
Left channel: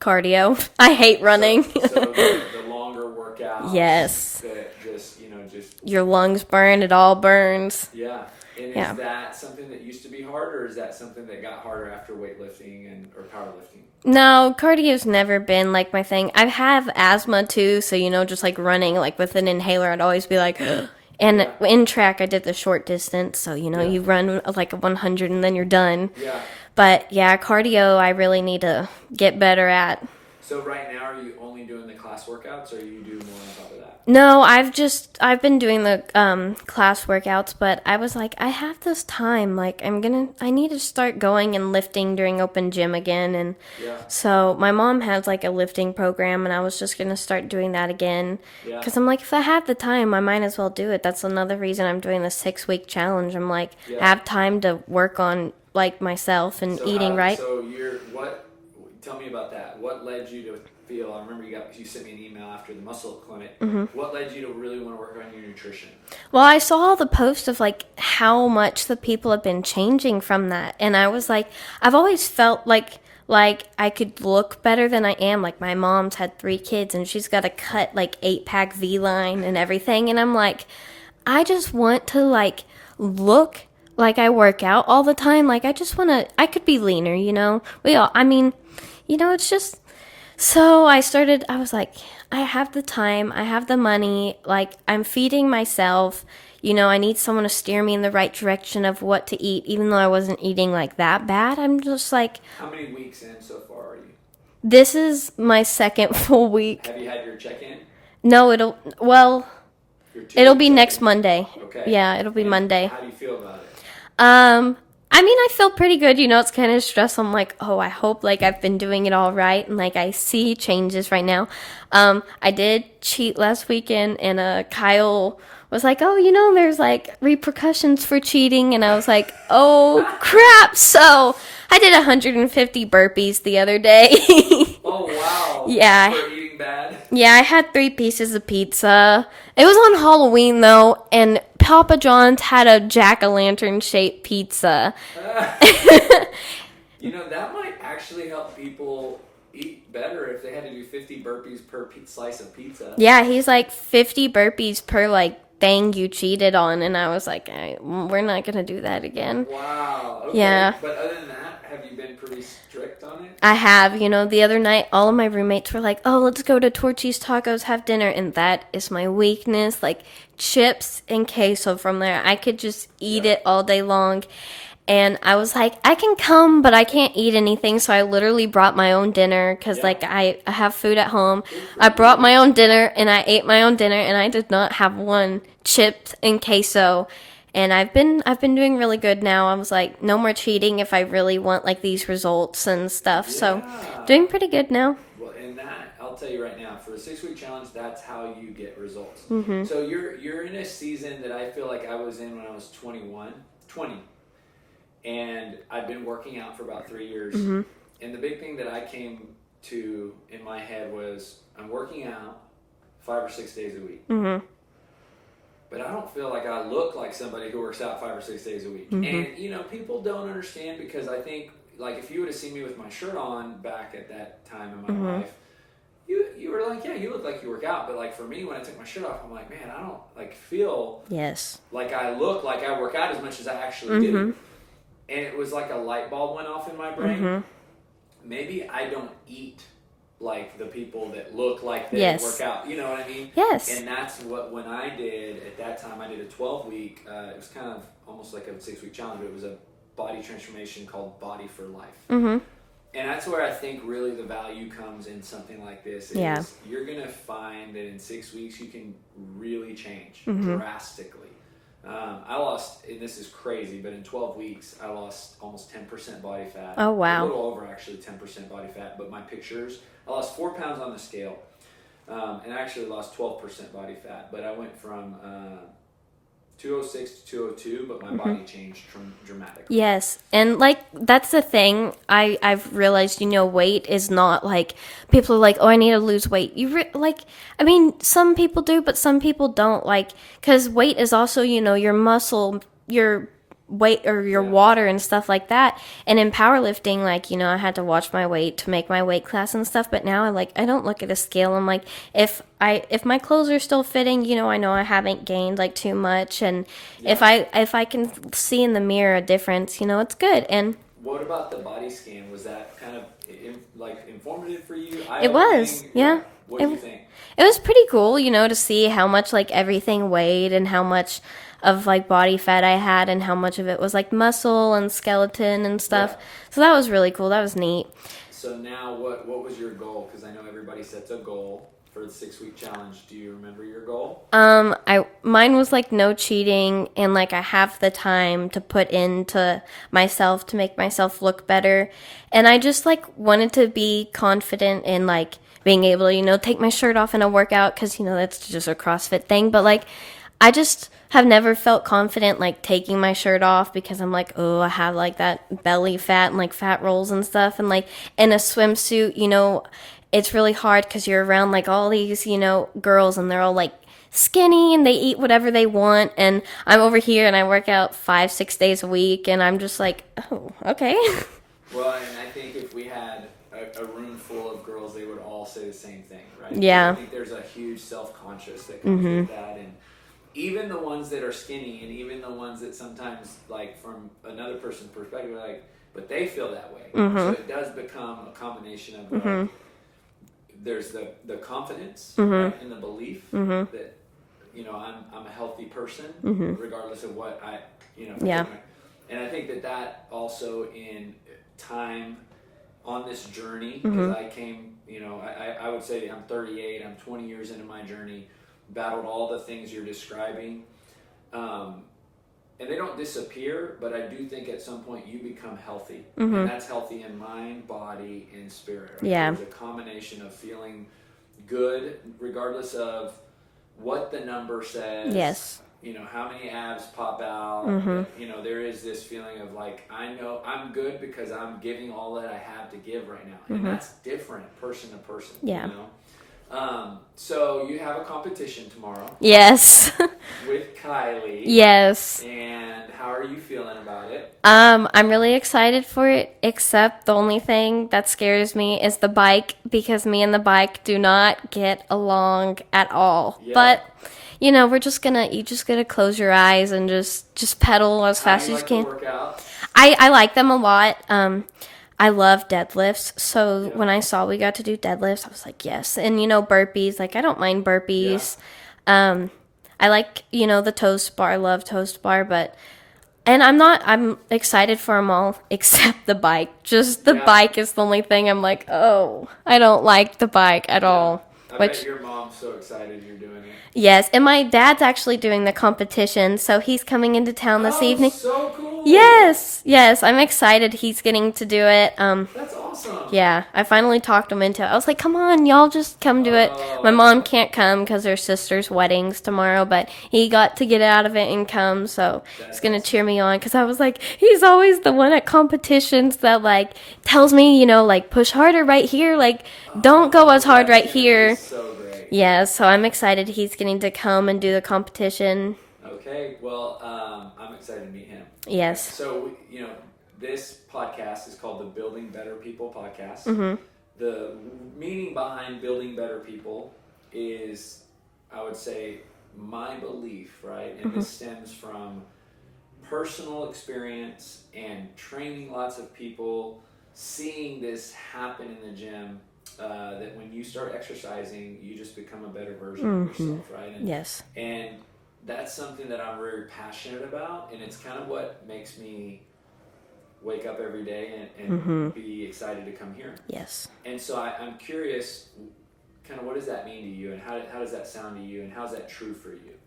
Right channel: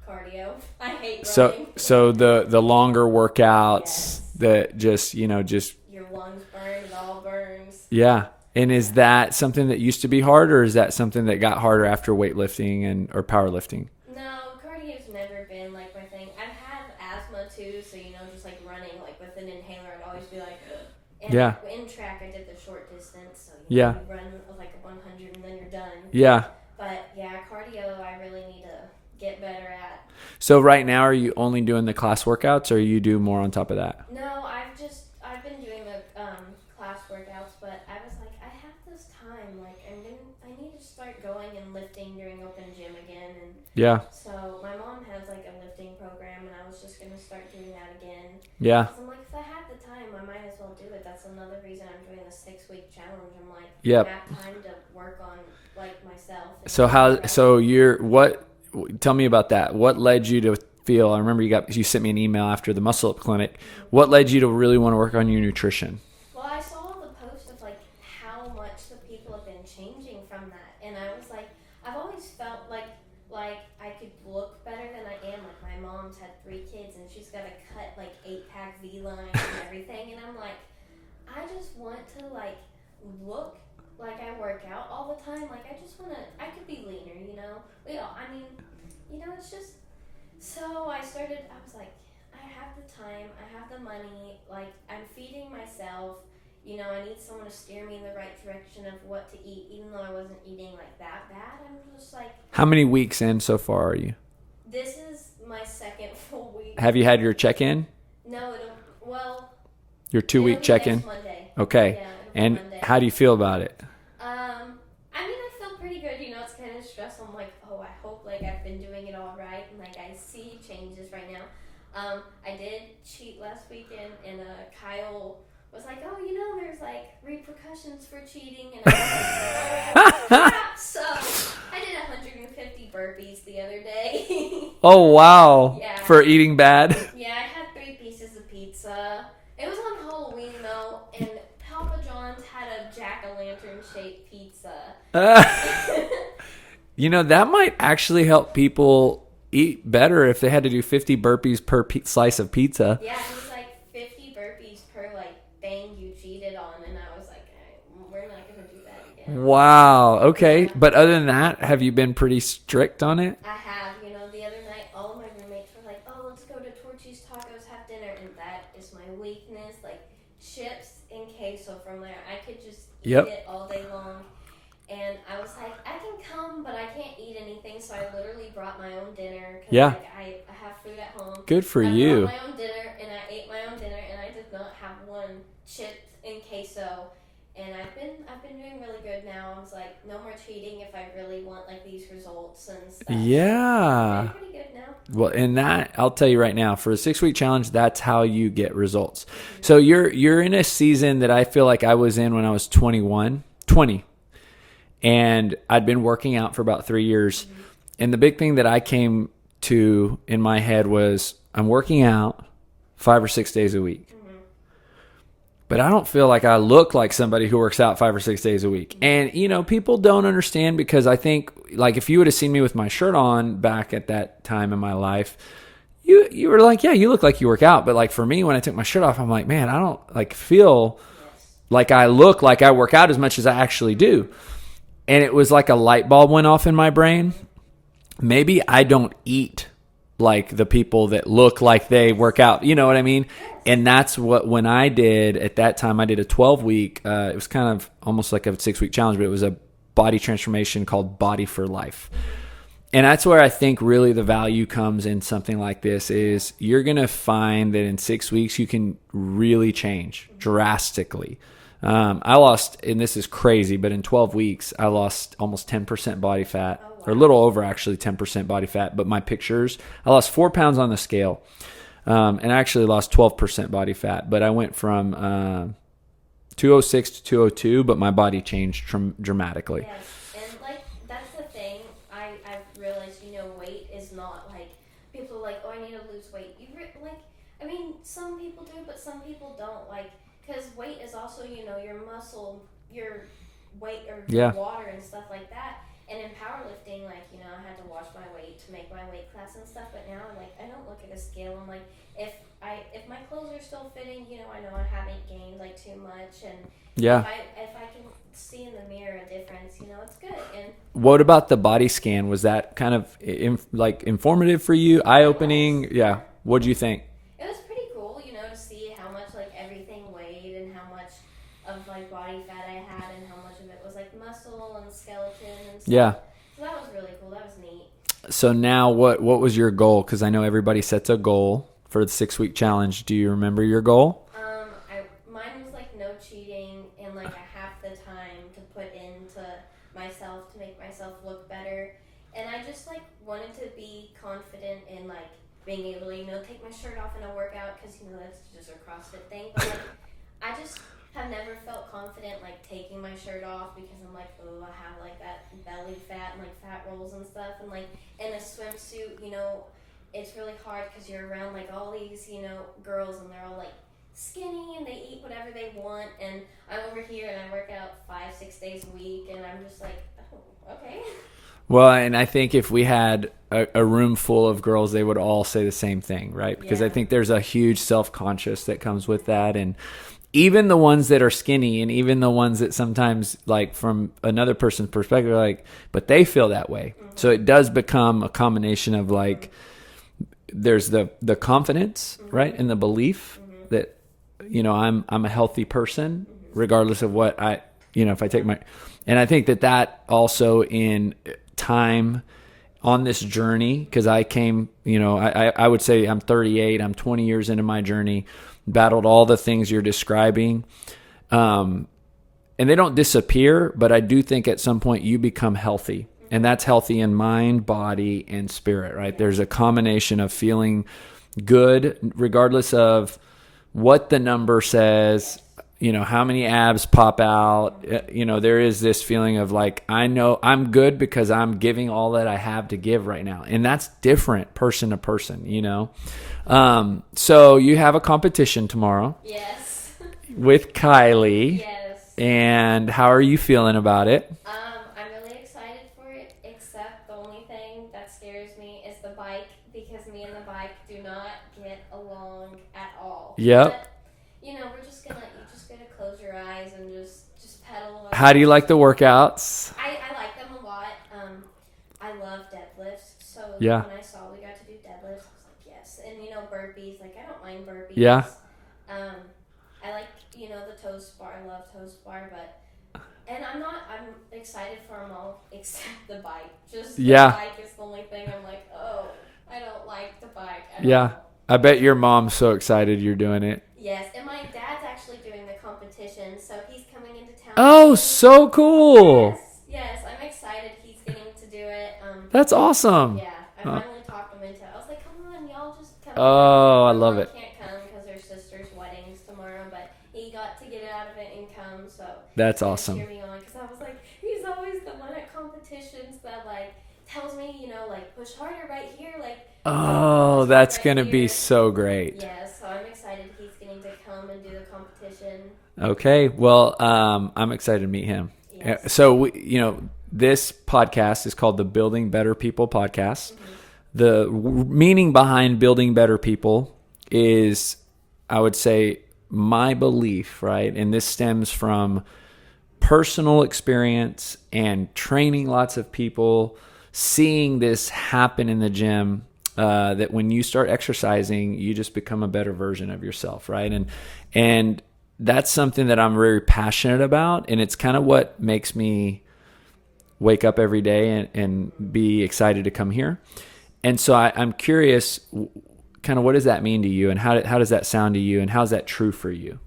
Cardio. I hate running. So the longer workouts. Yes. That just Your lungs burn. It all burns. yeah. And is Yeah. that something that used to be hard, or is that something that got harder after weightlifting or powerlifting? No, cardio's never been like my thing. I have asthma too, so just like running like with an inhaler, I'd always be like and Yeah. in track I did the short distance, so Yeah. you run like a 100 and then you're done. Yeah. But yeah, cardio I really need to get better at. So right now, are you only doing the class workouts, or you do more on top of that? No, I've been doing the class workouts, but I was like, I have this time, like I need to start going and lifting during open gym again. And Yeah. so my mom has like a lifting program, and I was just going to start doing that again. Yeah. Because I'm like, if I have the time, I might as well do it. That's another reason I'm doing the 6-week challenge. I'm like, Yeah. I have time to work on like myself and So eating right. Tell me about that. What led you to feel? I remember you sent me an email after the Muscle Up Clinic. Mm-hmm. What led you to really want to work on your nutrition? Well, I saw all the posts of like how much the people have been changing from that, and I was like, I've always felt like like I could look better than I am. Like my mom's had 3 kids and she's got to cut like 8-pack V-line and everything. And I'm like, I just want to like look like I work out all the time. Like I just want to, I could be leaner, you know? I mean, you know, it's just, so I was like, I have the time, I have the money, like I'm feeding myself. You know, I need someone to steer me in the right direction of what to eat, even though I wasn't eating like that bad. I'm just like, How many weeks in so far are you? this is my second full week. Have you had your check-in? No, Your 2 it'll week be check-in? next Monday. Okay. Yeah, it'll be And Monday. How do you feel about it? I mean, I feel pretty good. You know, it's kind of stressful. I'm like, oh, I hope like I've been doing it all right, and like I see changes right now. I did cheat last weekend, and Kyle was like, oh, you know, there's like repercussions for cheating, and I was like, oh crap. So I did 150 burpees the other day. Oh, wow. Yeah. For eating bad? Yeah, I had 3 pieces of pizza. It was on Halloween, though, and Papa John's had a jack-o'-lantern shaped pizza. You know, that might actually help people eat better if they had to do 50 burpees per slice of pizza. Yeah, he's like 50 burpees per, like, thing you cheated on, and I was like, we're not going to do that again. Wow. Okay. Yeah. But other than that, have you been pretty strict on it? I have, you know, the other night, all of my roommates were like, oh, let's go to Torchy's Tacos, have dinner, and that is my weakness, like, chips and queso from there. I could just eat it all day long. And I was like, I can come, but I can't eat anything. So I literally brought my own dinner because, like, I have food at home. Good for I brought you. my own dinner, and I ate my own dinner, and I did not have one chipped and queso. And I've been doing really good now. I was like, no more cheating if I really want, like, these results and stuff. Yeah. So doing pretty good now. Well, and that, I'll tell you right now, for a 6-week challenge, that's how you get results. Mm-hmm. So you're in a season that I feel like I was in when I was 20. And I'd been working out for about 3 years. Mm-hmm. And the big thing that I came to in my head was I'm working out 5 or 6 days a week. Mm-hmm. But I don't feel like I look like somebody who works out 5 or 6 days a week. Mm-hmm. And, you know, people don't understand because I think, like, if you would have seen me with my shirt on back at that time in my life, you were like, yeah, you look like you work out. But, like, for me, when I took my shirt off, I'm like, man, I don't, like, feel like I look like I work out as much as I actually do. And it was like a light bulb went off in my brain. Maybe I don't eat like the people that look like they work out. You know what I mean? Yes. And that's what, when I did, at that time, I did a 12-week, it was kind of almost like a 6-week challenge, but it was a body transformation called Body for Life. And that's where I think really the value comes in something like this is you're going to find that in 6 weeks, you can really change drastically. I lost, and this is crazy, but in 12 weeks, I lost almost 10% body fat. Oh, wow. A little over, actually, 10% body fat. But my pictures, I lost 4 pounds on the scale. And I actually lost 12% body fat. But I went from 206 to 202, but my body changed dramatically. Yes. And, like, that's the thing. I've realized, you know, weight is not, like, people are like, oh, I need to lose weight. I mean, some people do, but some people don't, like, because weight is also, you know, your muscle, your weight or your water and stuff like that. And in powerlifting, like, you know, I had to watch my weight to make my weight class and stuff, but now I don't look at a scale. I'm like, if my clothes are still fitting, you know I haven't gained like too much, and if I can see in the mirror a difference, you know, it's good. And what about the body scan? Was that kind of informative for you? Eye-opening? It was, yeah. What do you think? It was pretty cool, you know, to see how much like everything weighed and how much of like body fat I had and how much of it was like muscle and skeleton and stuff. Yeah. So that was really cool. That was neat. So now what was your goal? Because I know everybody sets a goal for the 6-week challenge. Do you remember your goal? Mine was like no cheating, and like I have the time to put into myself to make myself look better. And I just like wanted to be confident in like being able to, you know, take my shirt off in a workout, because, you know, that's just a CrossFit thing. But like I just have never felt confident like taking my shirt off, because I'm like, oh, I have like that belly fat and like fat rolls and stuff. And like in a swimsuit, you know, it's really hard because you're around like all these, you know, girls, and they're all like skinny and they eat whatever they want. And I'm over here and I work out 5-6 days a week, and I'm just like, oh, okay. Well, and I think if we had a room full of girls, they would all say the same thing, right? Because Yeah. I think there's a huge self-conscious that comes with that. And even the ones that are skinny, and even the ones that sometimes, like, from another person's perspective, like, but they feel that way. So it does become a combination of, like, there's the confidence, right? And the belief that, you know, I'm a healthy person, regardless of what if I take my, and I think that also in time on this journey, because I came, I would say I'm 38, I'm 20 years into my journey, battled all the things you're describing. And they don't disappear, but I do think at some point you become healthy, and that's healthy in mind, body, and spirit, right? Yeah. There's a combination of feeling good, regardless of what the number says, Yes. How many abs pop out, there is this feeling of, like, I know I'm good because I'm giving all that I have to give right now. And that's different person to person, So you have a competition tomorrow. Yes. With Kylie. Yes. And how are you feeling about it? I'm really excited for it, except the only thing that scares me is the bike, because me and the bike do not get along at all. Yep. But you just gotta close your eyes and just pedal as fast as you can. How do you like the workouts? I like them a lot. I love deadlifts. So Yeah. when I saw we got to do deadlifts, I was like, yes. And burpees, like, I don't mind burpees. Yeah. I like, the toast bar. I love toast bar, I'm excited for them all except the bike. Just the bike is the only thing I'm like, oh, I don't like the bike at all. I bet your mom's so excited you're doing it. Yes, and my dad's actually doing the competition, so he's coming into town this evening. Oh, so cool. Yes, I'm excited he's getting to do it. That's awesome. Yeah, I finally talked him into it. I was like, come on, y'all just come do it. My mom can't come because her sister's wedding's tomorrow, but he got to get out of it and come, so that's going to awesome. cheer me on, because I was like, he's always the one at competitions that, like, tells me, like, push harder right here, like, don't go as hard right here. Be so great. Yeah, so I'm excited he's getting to come and do the competition. Okay, well, I'm excited to meet him. Yes. So, this podcast is called the Building Better People podcast. The meaning behind building better people is, I would say, my belief, right? And this stems from personal experience and training lots of people, seeing this happen in the gym. That when you start exercising, you just become a better version of yourself, right? And that's something that I'm very passionate about, and it's kind of what makes me wake up every day and be excited to come here. Yes. And so I'm curious, kind of, what does that mean to you, and how does that sound to you, and how's that true for you?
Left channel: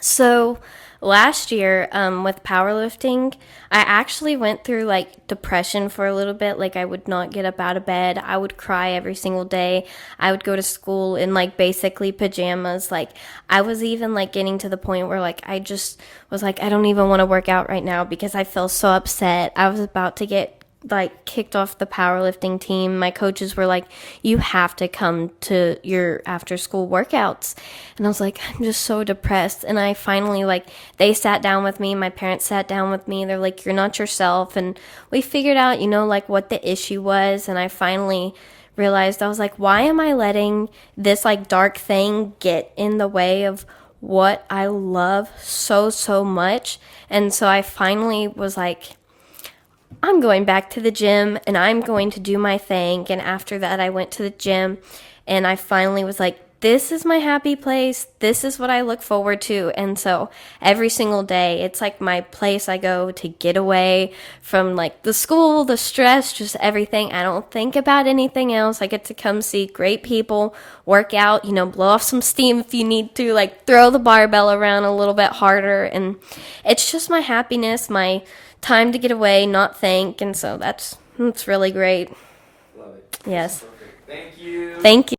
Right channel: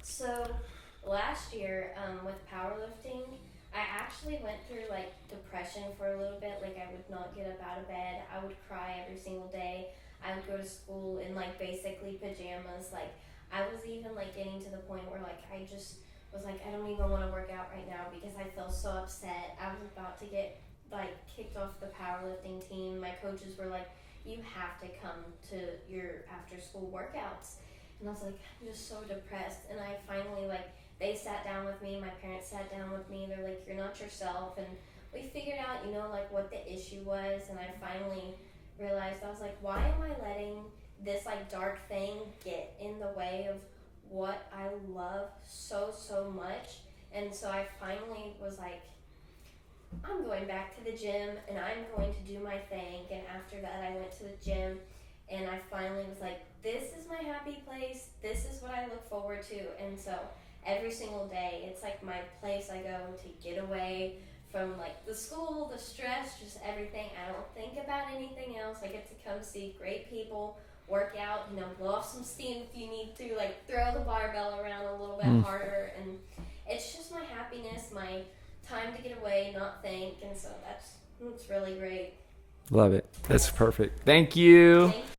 So last year, with powerlifting, I actually went through, like, depression for a little bit. Like, I would not get up out of bed. I would cry every single day. I would go to school in, like, basically pajamas. Like, I was even, like, getting to the point where, like, I just was like, I don't even want to work out right now because I feel so upset. I was about to get, like, kicked off the powerlifting team. My coaches were like, you have to come to your after school workouts. And I was like, I'm just so depressed. And I finally, like, they sat down with me, my parents sat down with me, they're like, you're not yourself. And we figured out, like, what the issue was. And I finally realized, I was like, why am I letting this, like, dark thing get in the way of what I love so much? And so I finally was like, I'm going back to the gym and I'm going to do my thing. And after that, I went to the gym and I finally was like, this is my happy place. This is what I look forward to. And so every single day, it's like my place I go to get away from, like, the school, the stress, just everything. I don't think about anything else. I get to come see great people, work out, blow off some steam if you need to, like, throw the barbell around a little bit harder. And it's just my happiness, my time to get away, not think. And so that's really great. Love it. That's Yes. perfect. Thank you. Thank you.